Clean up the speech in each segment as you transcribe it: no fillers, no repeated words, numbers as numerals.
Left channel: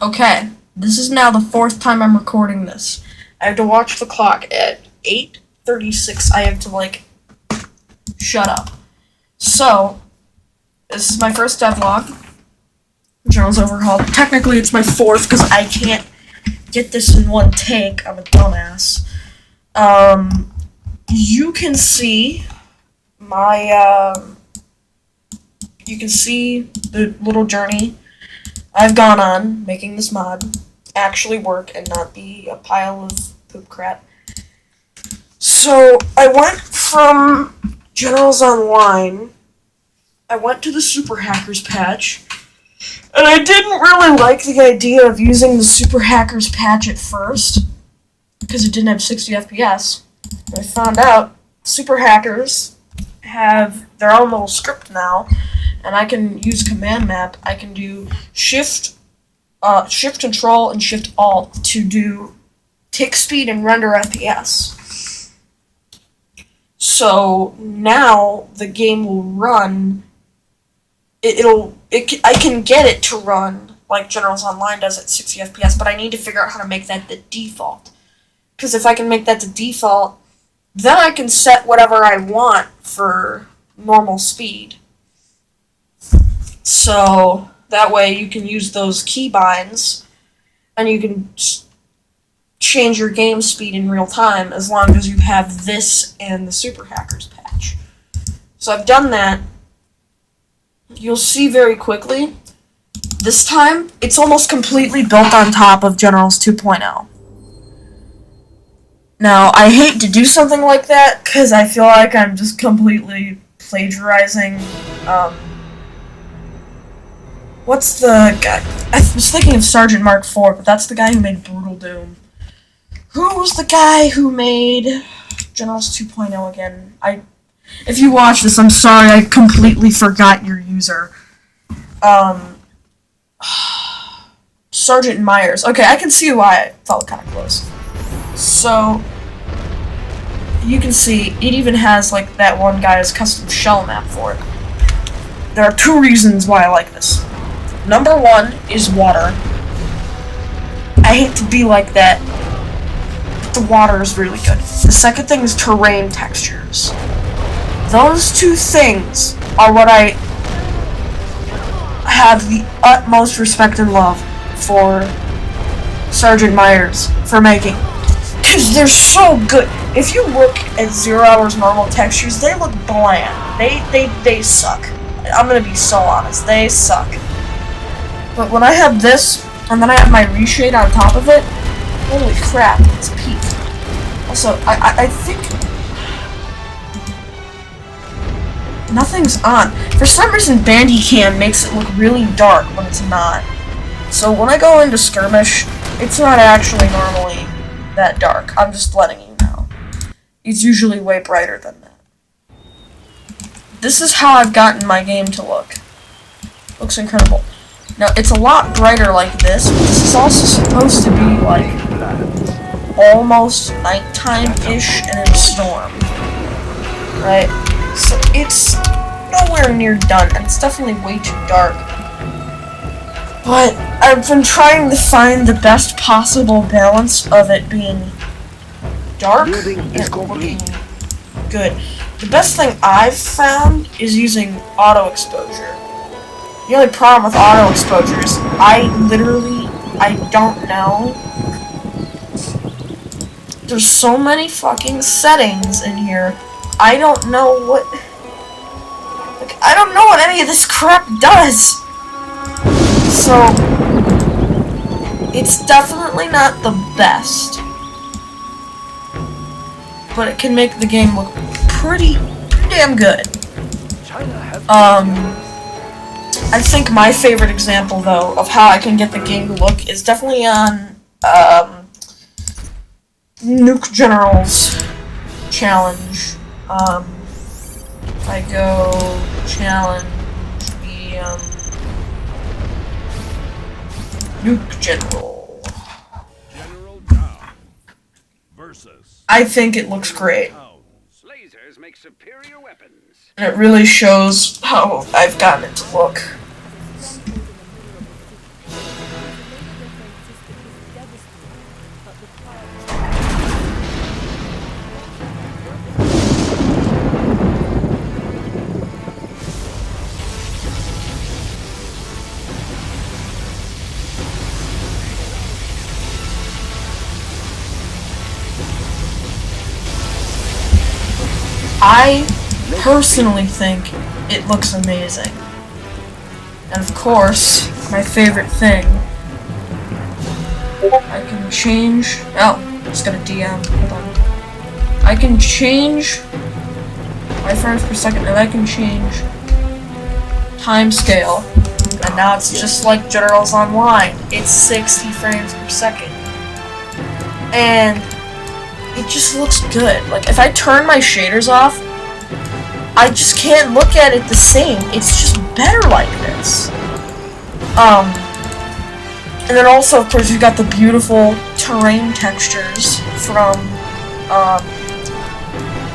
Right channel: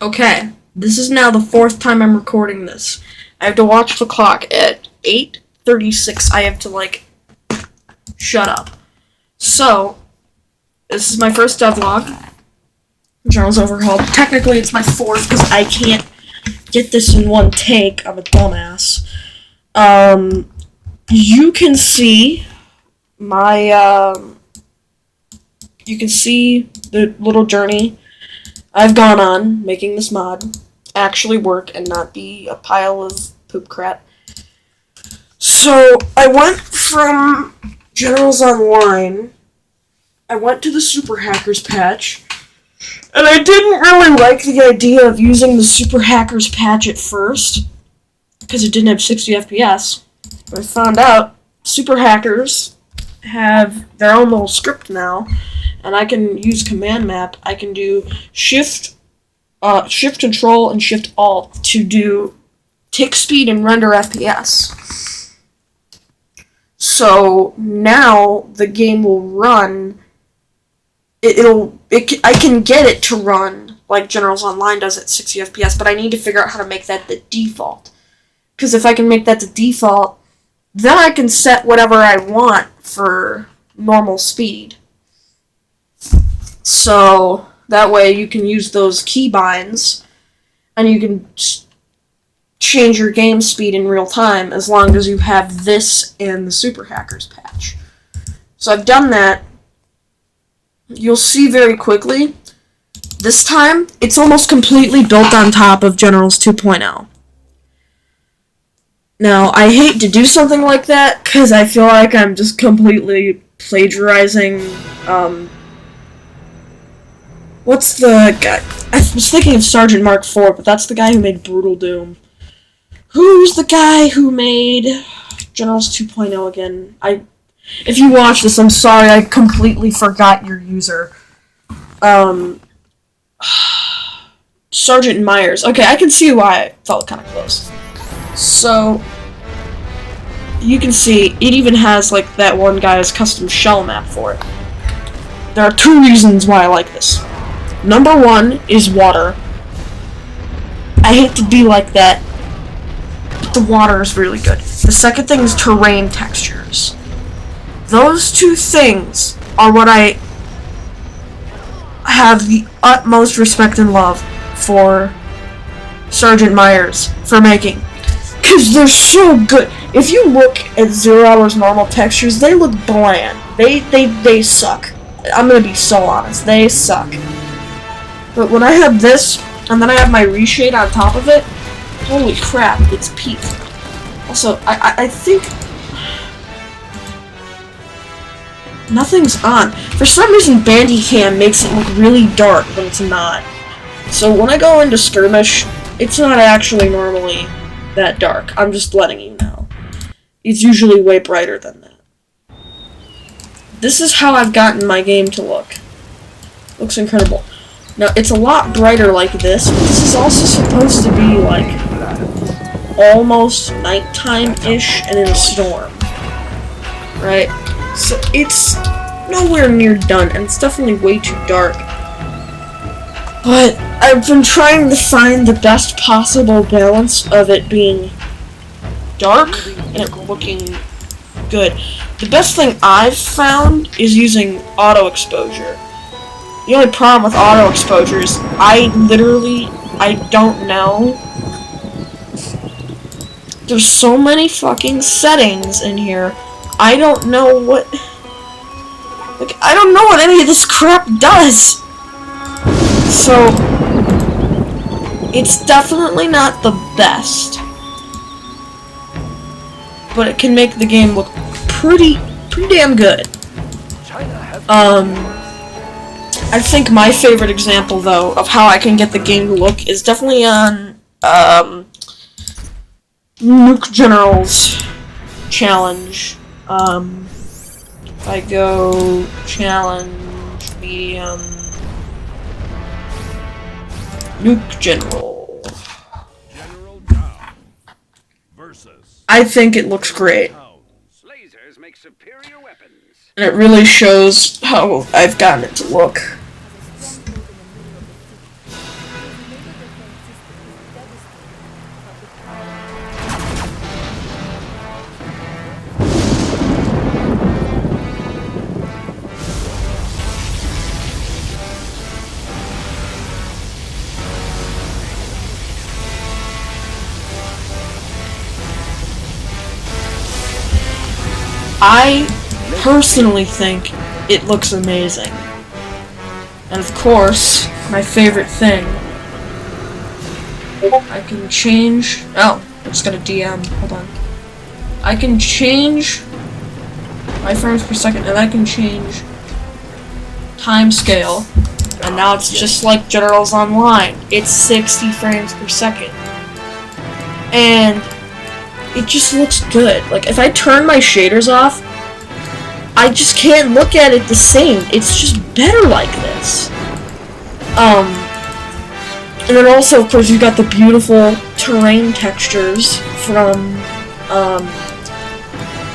Okay, this is now the fourth time I'm recording this. I have to watch the clock at 8:36. I have to, shut up. So, this is my first devlog. Journal's overhaul. Technically, it's my fourth because I can't get this in one take. I'm a dumbass. You can see my, you can see the little journey I've gone on making this mod actually work and not be a pile of poop crap. So, I went from Generals Online, I went to the Super Hackers patch, and I didn't really like the idea of using the Super Hackers patch at first, because it didn't have 60 FPS. But I found out Super Hackers have their own little script now, and I can use command map. I can do shift control and shift alt to do tick speed and render FPS. So now the game will run. I can get it to run like Generals Online does at 60 FPS, but I need to figure out how to make that the default. Because if I can make that the default, then I can set whatever I want for normal speed. So that way you can use those keybinds and you can change your game speed in real time as long as you have this and the Super Hackers patch. So I've done that. You'll see very quickly. This time, it's almost completely built on top of Generals 2.0. Now, I hate to do something like that, because I feel like I'm just completely plagiarizing, what's the guy? I was thinking of Sergeant Mark IV, but that's the guy who made Brutal Doom. Who's the guy who made Generals 2.0 again? If you watch this, I'm sorry, I completely forgot your user. Sergeant Myers. Okay, I can see why I felt kind of close. So, you can see, it even has, that one guy's custom shell map for it. There are two reasons why I like this. Number one is water. I hate to be like that, but the water is really good. The second thing is terrain textures. Those two things are what I have the utmost respect and love for Sergeant Myers for making. Because they're so good. If you look at 0 Hour's normal textures, they look bland. They suck. I'm gonna be so honest. They suck. But when I have this, and then I have my reshade on top of it, holy crap, it's peak. Also, I think nothing's on. For some reason, Bandicam makes it look really dark when it's not. So when I go into skirmish, it's not actually normally that dark. I'm just letting you know. It's usually way brighter than that. This is how I've gotten my game to look. Looks incredible. Now, it's a lot brighter like this, but this is also supposed to be, almost nighttime-ish and in a storm. Right? So it's nowhere near done, and it's definitely way too dark. But I've been trying to find the best possible balance of it being dark and looking good. The best thing I've found is using auto exposure. The only problem with auto exposure is I don't know. There's so many fucking settings in here. I don't know what any of this crap does. So, it's definitely not the best, but it can make the game look pretty damn good. I think my favorite example, though, of how I can get the game to look is definitely on, Nuke General's challenge. If I go challenge medium Nuke General. I think it looks great. And it really shows how I've gotten it to look. I personally think it looks amazing. And of course, my favorite thing, I can change, oh, I just got a DM, hold on. I can change my frames per second, and I can change time scale. And now it's just like Generals Online. It's 60 frames per second. And it just looks good. Like, if I turn my shaders off, I just can't look at it the same. It's just better like this. And then also, of course, you've got the beautiful terrain textures from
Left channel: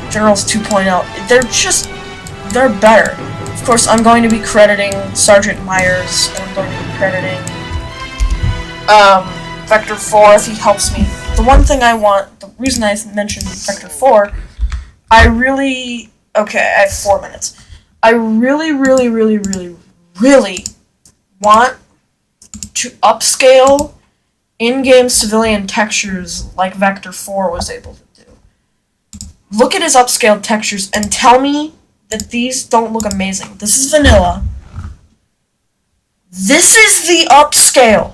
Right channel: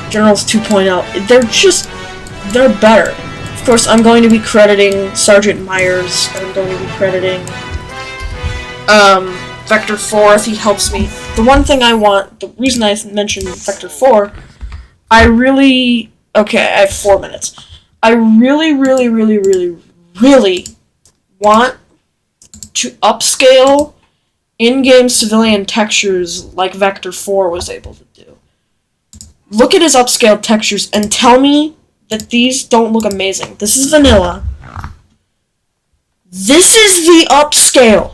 Generals 2.0. They're better. Of course, I'm going to be crediting Sergeant Myers, and I'm going to be crediting Vector 4 if he helps me. The one thing I want, the reason I mentioned Vector 4, okay, I have 4 minutes. I really want to upscale in-game civilian textures like Vector 4 was able to do. Look at his upscaled textures and tell me that these don't look amazing. This is vanilla. This is the upscale.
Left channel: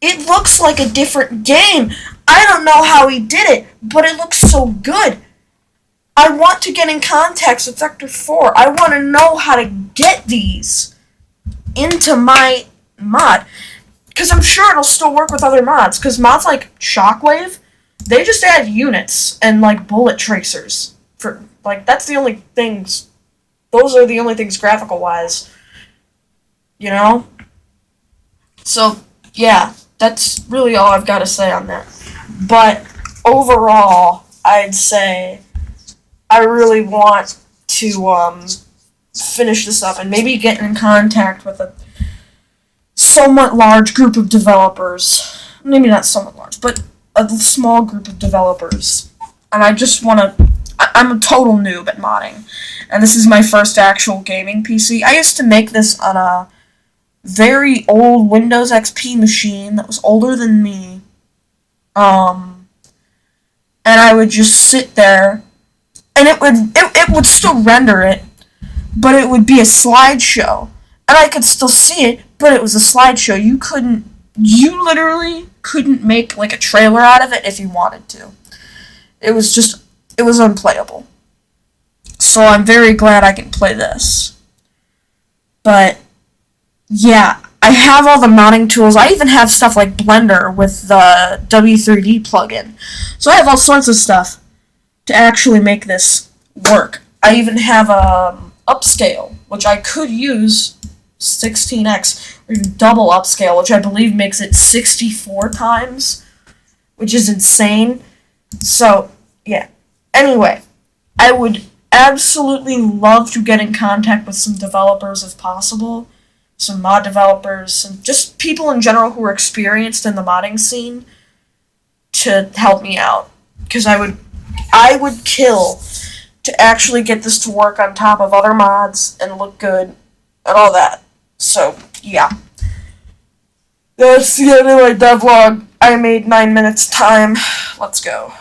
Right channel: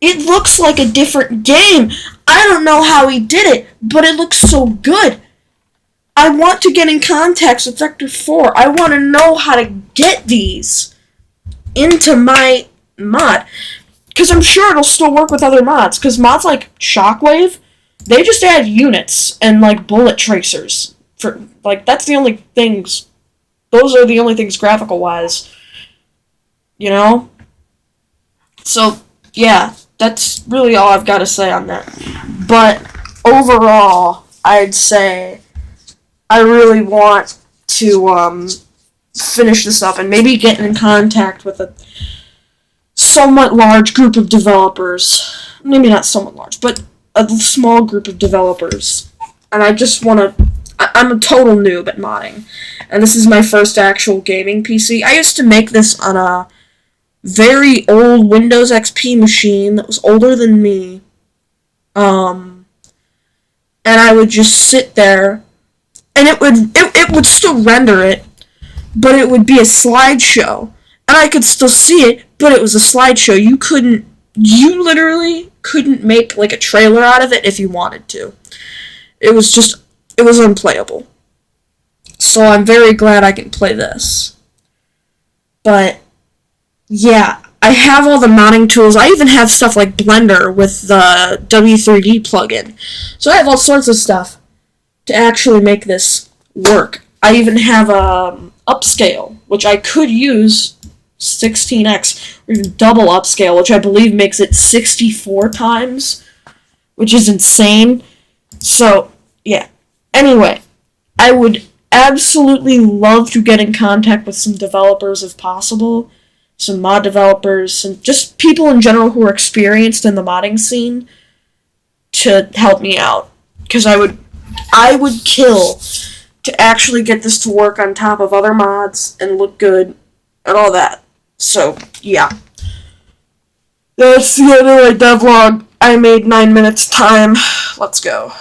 It looks like a different game. I don't know how he did it, but it looks so good. I want to get in contact with Vector 4. I want to know how to get these into my mod. Because I'm sure it'll still work with other mods. Because mods like Shockwave, they just add units and, like, bullet tracers. That's the only things. Those are the only things graphical-wise. You know? So, yeah. That's really all I've got to say on that. But overall, I'd say I really want to finish this up and maybe get in contact with a somewhat large group of developers. Maybe not somewhat large, but a small group of developers. And I just want to... I'm a total noob at modding. And this is my first actual gaming PC. I used to make this on a very old Windows XP machine that was older than me. And I would just sit there, and it would still render it, but it would be a slideshow. And I could still see it, but it was a slideshow. You literally couldn't make, like, a trailer out of it if you wanted to. It was unplayable. So I'm very glad I can play this. But yeah, I have all the modding tools. I even have stuff like Blender with the W3D plugin. So I have all sorts of stuff to actually make this work. I even have upscale, which I could use 16x, or even double upscale, which I believe makes it 64 times, which is insane. So, yeah. Anyway, I would absolutely love to get in contact with some developers if possible. Some mod developers, and just people in general who are experienced in the modding scene to help me out. Because I would kill to actually get this to work on top of other mods and look good and all that. So, yeah. That's the end of my devlog. I made 9 minutes time. Let's go.